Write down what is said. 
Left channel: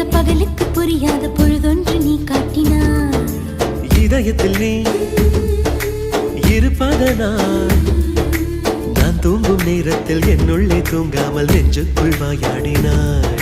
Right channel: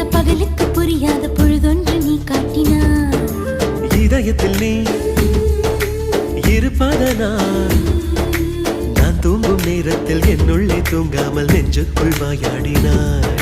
பார்த்த பகலுக்கு புரியாத பொழுதொன்று நீ காட்டினாய். இதயத்தில் நீ இருப்பதனால் நான் தூங்கும் நேரத்தில் என்னுள்ளே தூங்காமல் நெஞ்சுக்குள் வாயாடினாய்.